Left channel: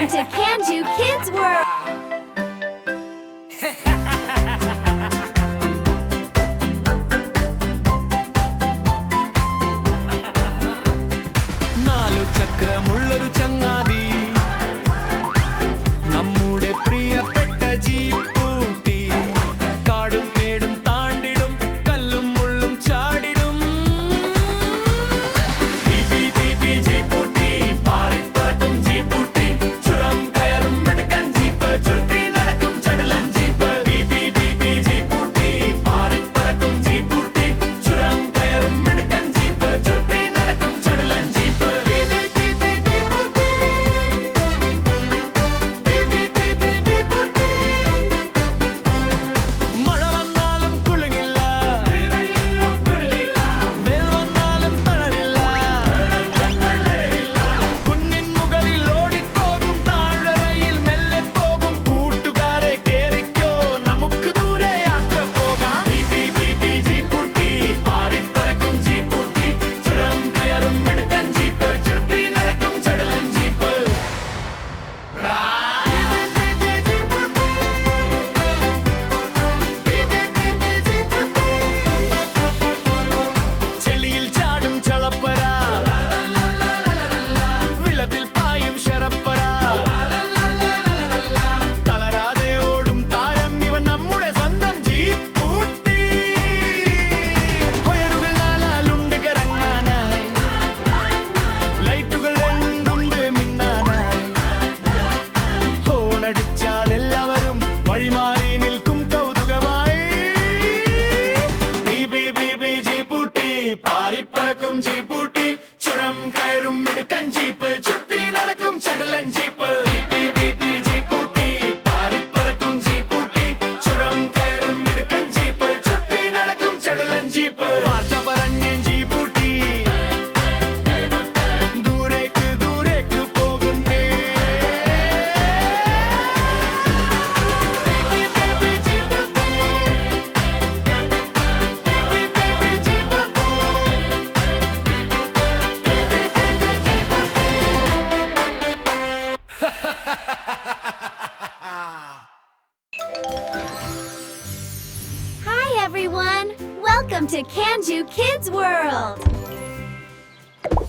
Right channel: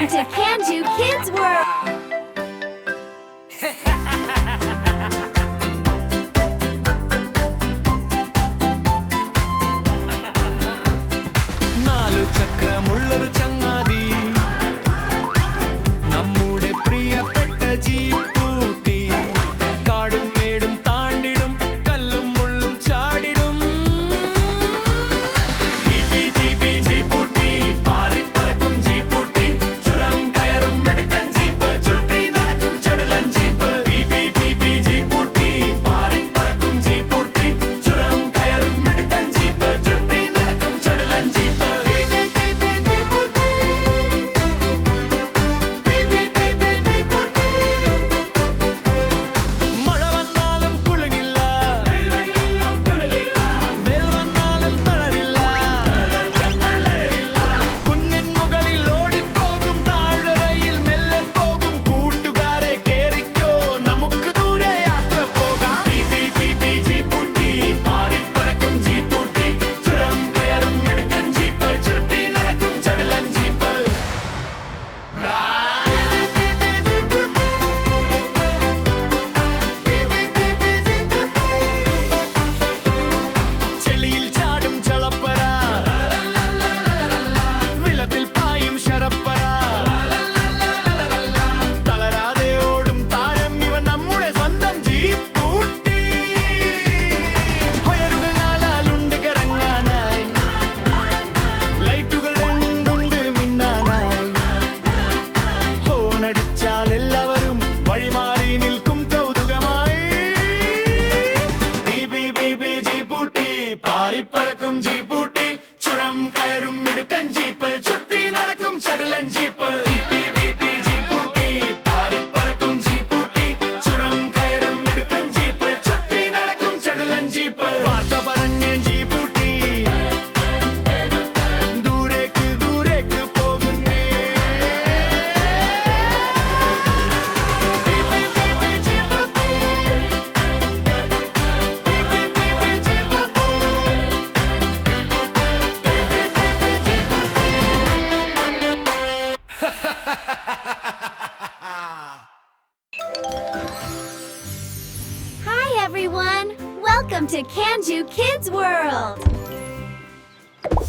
Welcome to Kanju Kids World. നാലു ചക്രമുള്ളൊരു ചങ്ങാതി നമ്മുടെ പ്രിയപ്പെട്ട ജീപ്പൂട്ടി കാടും മേടും താണ്ടിടും കല്ലും മുള്ളും ചാടിടും ജീപ്പൂട്ടി പാറിപ്പറക്കും ജീപ്പൂട്ടി ചുരം കയറും മിടുക്കൻ ജീപ്പ് ചുറ്റി നടക്കും ചടുലൻ ജീപ്പ് ജീപ്പൂട്ടി പാറിപ്പറക്കും ജീപ്പൂട്ടി ചുരം കയറും മിടുക്കൻ ജീപ്പ് ചുറ്റി നടക്കും ചടുലൻ ജീപ്പ് വെള്ളത്തിൽ പായും ശരപ്പര തളരാതെ ഓടും താരം ഇവൻ നമ്മുടെ സ്വന്തം ജീപ്പൂട്ടി ഉയരുകൾ നാലാലുണ്ട് കറങ്ങാനായി ലൈറ്റുകൾ രണ്ടുണ്ട് മിന്നാനായി ഹോണടിച്ചാൽ എല്ലാവരും വഴിമാറി നിൽക്കും കൗതുകമായി ജീപ്പൂട്ടി പാറിപ്പറക്കും ജീപ്പൂട്ടി ചുരം കയറും മിടുക്കൻ ജീപ്പ് ചുറ്റി നടക്കും ചടുലൻ ജീപ്പ് ജീപ്പൂട്ടി പാറിപ്പറക്കും ജീപ്പൂട്ടി ചുരം കയറും മിടുക്കൻ ജീപ്പ് ചുറ്റി നടക്കും ചടുലൻ ജീപ്പ് വാർത്ത പറഞ്ഞ ജീപ്പൂട്ടി ദൂരേക്ക് ദൂരേക്ക് പോകുന്നേ Hi everyone! Welcome to Kanju Kids World.